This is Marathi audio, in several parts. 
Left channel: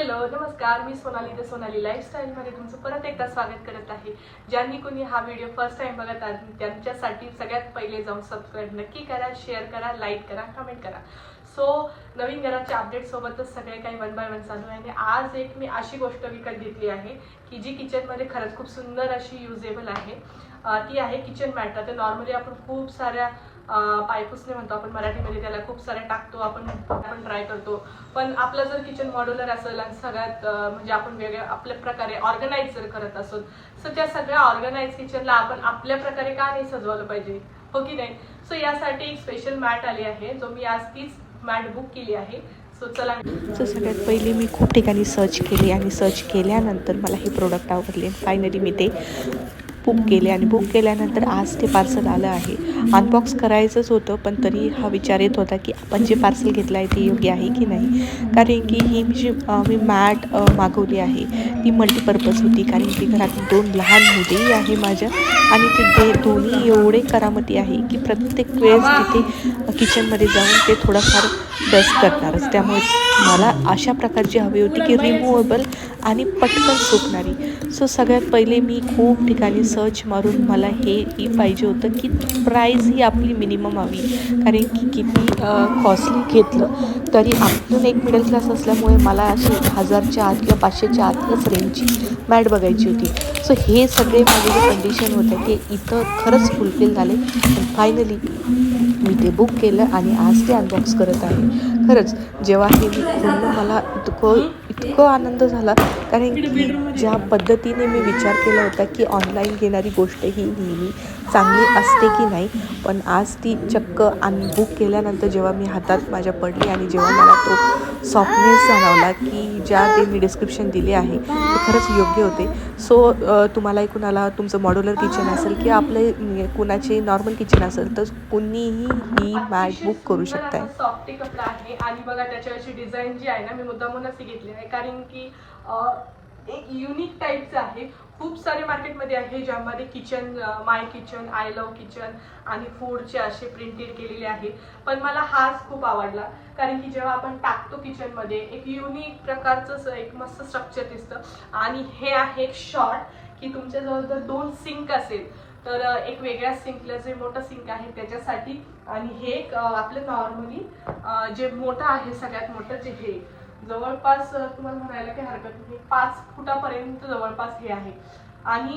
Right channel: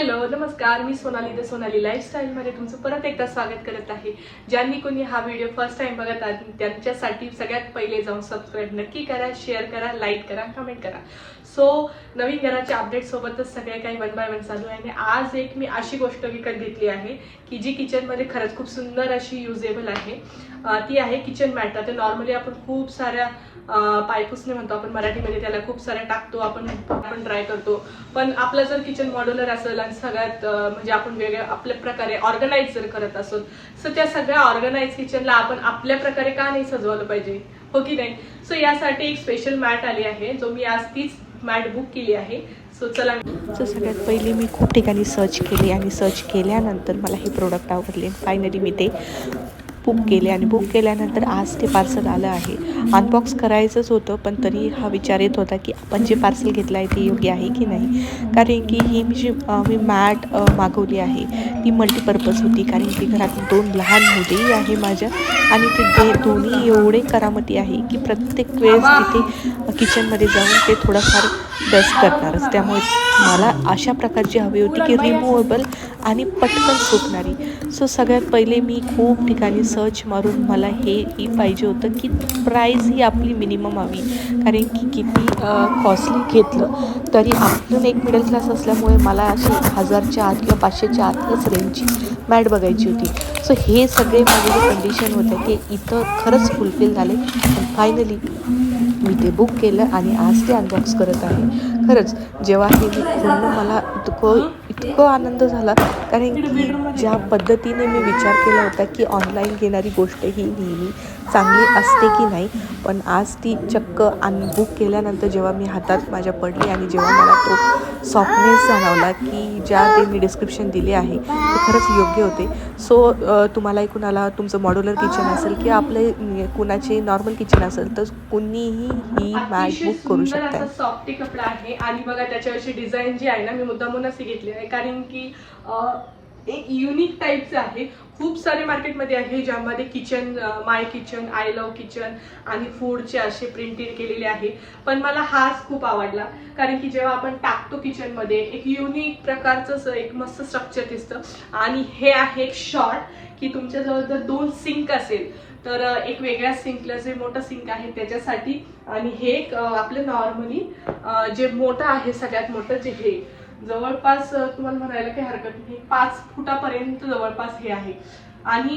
हॅलो नमस्कार मी सोनाली द सोनाली लाईफस्टाईलमध्ये तुमचं परत एकदा स्वागत करत आहे. ज्यांनी कोणी हा व्हिडिओ फर्स्ट टाइम बघत आहे त्यांच्यासाठी सगळ्यात पहिले जाऊन सबस्क्राईब नक्की करा शेअर करा लाईक करा कमेंट करा. सो नवीन घराच्या अपडेटसोबतच सगळे काही वन बाय वन चालू आहे आणि आज एक मी अशी गोष्ट विकत घेतली आहे की जी किचनमध्ये खरंच खूप सुंदर अशी युजेबल आहे. ती आहे किचन मॅट आता नॉर्मली आपण खूप साऱ्या पायपुसणे म्हणतो आपण मराठीमध्ये त्याला खूप साऱ्या टाकतो आपण आपण ट्राय करतो. पण आपलं जर किचन मॉड्युलर असेल आणि सगळ्यात म्हणजे आपण वेगळ्या आपल्या प्रकारे ऑर्गनाईज जर करत असेल सो त्या सगळ्या ऑर्गनाईज किचनला आपण आपल्या प्रकारे का नाही सजवलं पाहिजे? हो की नाही? सो यासाठी एक स्पेशल मॅट आली आहे जो मी आज तीच मॅट बुक केली आहे. सो चला. सो सगळ्यात पहिले मी खूप ठिकाणी सर्च केली आणि सर्च केल्यानंतर मला हे प्रोडक्ट आवडले. फायनली मी ते बुक केले आणि बुक केल्यानंतर आज ते पार्सल आलं आहे. अनबॉक्स करायचंच होतं पण तरी हा विचार येत होता की आपण जे पार्सल घेतलं आहे ते योग्य आहे की नाही? कारण की ही मी जी मी मॅट मागवली आहे ती मल्टीपर्पज होती. कारण की घरात दोन लहान मुलेही आहे माझ्या आणि ते दे दोन्ही एवढे करामती आहे की प्रत्येक वेळेस तिथे किचनमध्ये जाऊन ते थोडंफार डस्ट करणारच त्यामुळे मला अशा प्रकारची हवी होती की रिमूवेबल आणि पटकन सुकणारी. सो सगळ्यात पहिले मी खूप ठिकाणी सर्च मारून मला हे ही पाहिजे होतं की प्राईस ही आपली मिनिमम हवी. कारण की किती कॉस्टली घेतलं तरी आपण एक मिडल क्लास असल्यामुळे मला अशी हजारच्या आत किंवा पाचशेच्या आतच रेंजची मॅट बघायची होती. सो हे सगळे माझे जे कंडिशन होते ते इथं खरंच फुलफिल झाले. फायनली मी ते बुक केलं आणि आज ते अनबॉक्स करत आहे. खरंच जेव्हा हे मी पूर्ण मला इतकं इतकं आनंद झाला. कारण की ज्या पद्धतीने मी विचार केला होता की ऑनलाईन घेणारी गोष्ट ही नेहमी चांगली असते की नाही पण आज ती चक्क अन बुक केल्यानंतर जेव्हा मी हातात माझ्या पडली आणि जेव्हा मला तो सॉफ्टनेस जाणवला की ज्या ते मी डिस्क्रिप्शन दिले आहे ते खरंच योग्य होते. सो तुम्हालाही कुणाला तुमचं मॉड्युलर किचन असेल किंवा आपले कुणाचे नॉर्मल किचन असेल तर कुणीही ही मॅट बुक करू शकताय. सॉफ्टी कपडा आहे आणि बघा त्याच्यावरची डिझाईन जी आहे ना मी मुद्दामूनच घेतली आहे. कारण की एक युनिक टाईपचं आहे खूप सारे मार्केटमध्ये आहे ज्यामध्ये kitchen my kitchen I love kitchen आणि फूडचे असे प्रिंटेड केलेले आहे. पण मला हाच खूप आवडला कारण की जेव्हा आपण टाकतो किचनमध्ये एक युनिक प्रकारचं एक मस्त स्ट्रक्चर दिसतं. आणि हे आहे एक शॉर्ट की तुमच्याजवळ जर दोन सिंक असेल तर एक वेगळ्या सिंकला जे मोठं सिंक आहे त्याच्यासाठी आणि हे एक आपलं नॉर्मली जे मोठं आहे सगळ्यात मोठं जे हे. जवळपास तुम्हाला म्हणायला काही हरकत नाही. पाच फुटापर्यंत जवळपास हे आहे. आणि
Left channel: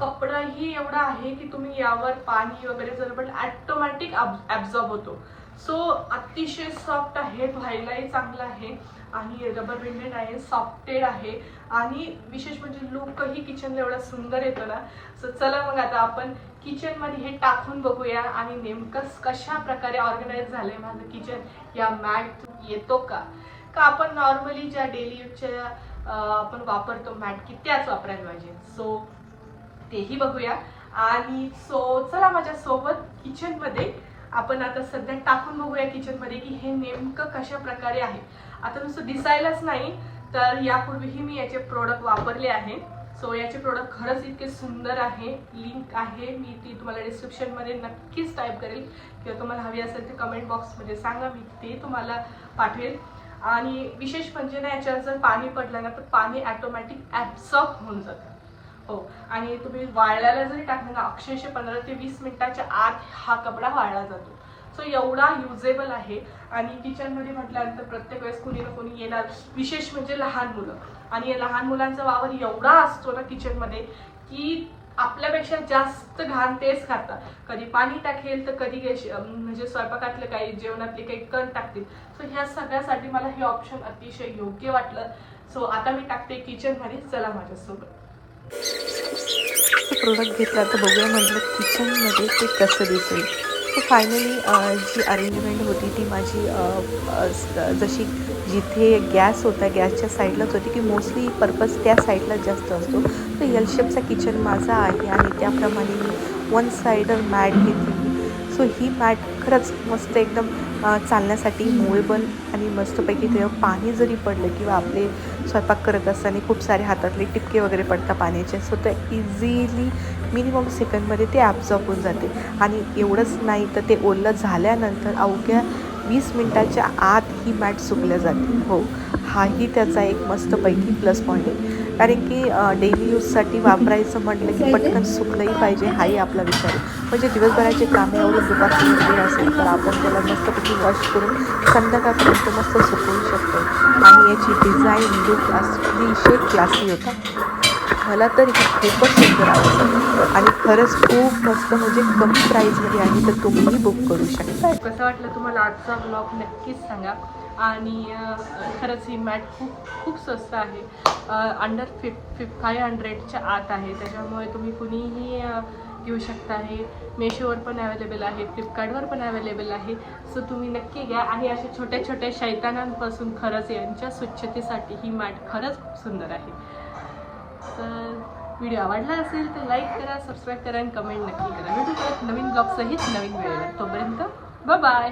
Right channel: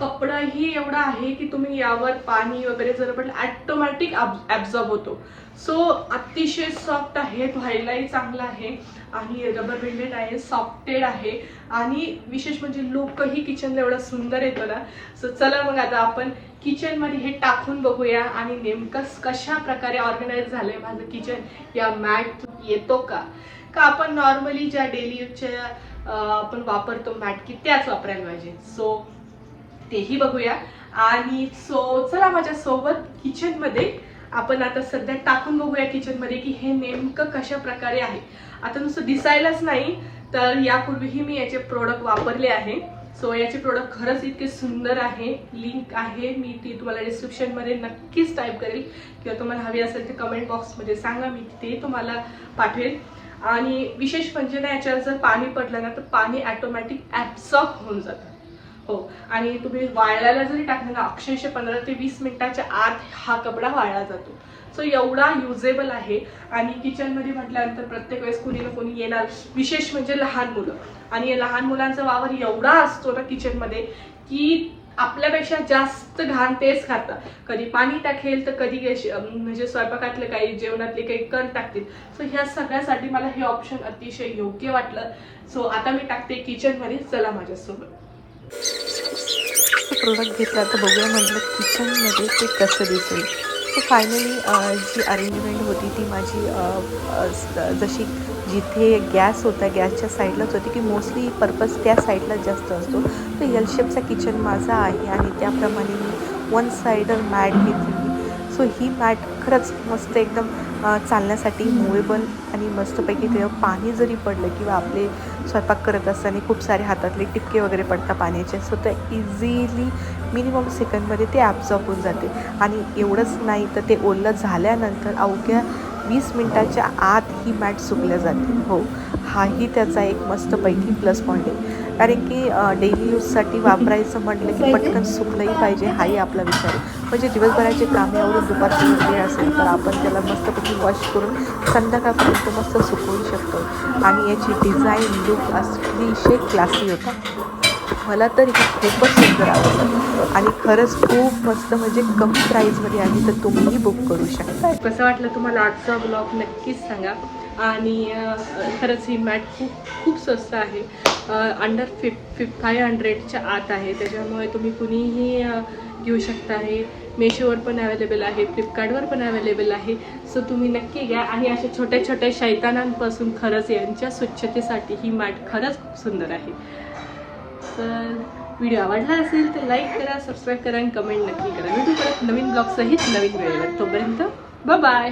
कपडंही एवढं आहे की तुम्ही यावर पाणी वगैरे जर पडलं ॲटोमॅटिक ॲब्झॉर्ब होतो. सो अतिशय सॉफ्ट आहे धुवायलाही चांगला आहे आणि रबर बेंडेड आहे सॉफ्टेड आहे. आणि विशेष म्हणजे लुकही किचनला एवढा सुंदर येतो ना. सो चला मग आता आपण किचनमध्ये हे टाकून बघूया आणि नेमकं कशा प्रकारे ऑर्गनाईज झालंय माझं किचन या मॅट येतो का? का आपण नॉर्मली ज्या डेली यूजच्या आपण वापरतो मॅट की त्याच वापरायला पाहिजे. सो तेही बघूया. आणि सो चला माझ्या सोबत किचनमध्ये आपण आता सध्या टाकून बघूया किचनमध्ये की हे नेमकं कशा प्रकारे आहे. आता नुसतं दिसायलाच नाही तर यापूर्वीही मी याचे प्रोडक्ट वापरले आहे. सो याचे प्रोडक्ट खरंच इतके सुंदर आहे. लिंक आहे. मी ती तुम्हाला डिस्क्रिप्शनमध्ये नक्कीच टाईप करेल. किंवा तुम्हाला हवी असेल तर कमेंट बॉक्समध्ये सांगा. मी ते तुम्हाला पाठवेल. आणि विशेष म्हणजे ना याच्यावर जर पाणी पडलं ना तर पाणी ॲटोमॅटिक ॲब्सॉर्ब होऊन जातं. हो. आणि तुम्ही वाळायला जरी टाकलं ना अक्षरशः पंधरा ते वीस मिनिटाच्या आत हा कपडा वाळला जातो. सो एवढा युजेबल आहे. आणि किचनमध्ये म्हटल्यानंतर प्रत्येक वेळेस कोणी ना कोणी येणार विशेष म्हणजे लहान मुलं. आणि या लहान मुलांचा वावर एवढा असतो ना किचनमध्ये की आपल्यापेक्षा जास्त घाण तेच खातात कधी पाणी टाकेल तर कधी म्हणजे स्वयंपाकातले काही जेवणातले काही कण टाकतील. सो ह्या सगळ्यासाठी मला हे ऑप्शन अतिशय योग्य वाटलं. सो आता मी टाकते किचनमध्ये चला माझ्यासोबत. प्रोडक्ट घेतला तर बघूया म्हटलं किचनमध्ये ते कसं दिसेल. फायनली uh, जी अरेंजमेंट होती ती माझी जशी जिथे गॅस होता गॅसच्या साईडलाच होती की मोस्टली पर्पज त्या साईडलाच जास्त असतो. तर यलशेपचा किचन माझा आहे आणि त्याप्रमाणे मी वन साईडर मॅट घेतली. सो ही मॅट खरंच मस्त एकदम चालण्यासाठी मुवेबल आणि मस्तपैकी त्याच्यावर पाणी जरी पडलं किंवा आपले स्वयंपाक करत असताना खूप सारे हातातले टिपके वगैरे पडतात पाण्याचे सो ते इझिली मिनिमम सेकंडमध्ये ते ॲब्झॉर्ब होऊन जाते. आणि एवढंच नाही तर ते ओलं झाल्यानंतर अवघ्या वीस मिनटाच्या आत ही मॅट सुकल्या जाते. हो. हाही त्याचा एक मस्तपैकी प्लस पॉईंट आहे. कारण की डेली यूजसाठी वापरायचं म्हटलं की पटकन सुकलंही पाहिजे हाही आपला विचार आहे. म्हणजे दिवसभराचे कामे आवडून दुपारची वेळ असेल तर आपण त्याला मस्तपैकी वॉश करून संध्याकाळपर्यंत मस्त सुकवू शकतो. आणि याची डिझाईन लुक अतिशय क्लासी होता. मला तर हे खूपच सुंदर आवडलं. आणि खरंच खूप मस्त म्हणजे कमी प्राईजमध्ये आहे तर तुम्हीही बुक करू शकता. कसं वाटलं तुम्हाला आजचा ब्लॉग नक्कीच सांगा. आणि खरंच ही मॅट खूप खूप स्वस्त आहे. अंडर फिफ फिफ फाय हंड्रेडच्या आत आहे. त्याच्यामुळे तुम्ही कुणीही घेऊ शकता. आहे मेशोवर पण अवेलेबल आहे फ्लिपकार्टवर पण अवेलेबल आहे. सो तुम्ही नक्की घ्या. आणि अशा छोट्या छोट्या शैतानांपासून खरंच यांच्या स्वच्छतेसाठी ही मॅट खरंच खूप सुंदर आहे. तर व्हिडिओ आवडला असेल तर लाईक करा सबस्क्राईब करा आणि कमेंट नक्की करा. व्हिडिओ परत नवीन ब्लॉग सहित नवीन वेळेवर. तोपर्यंत बाय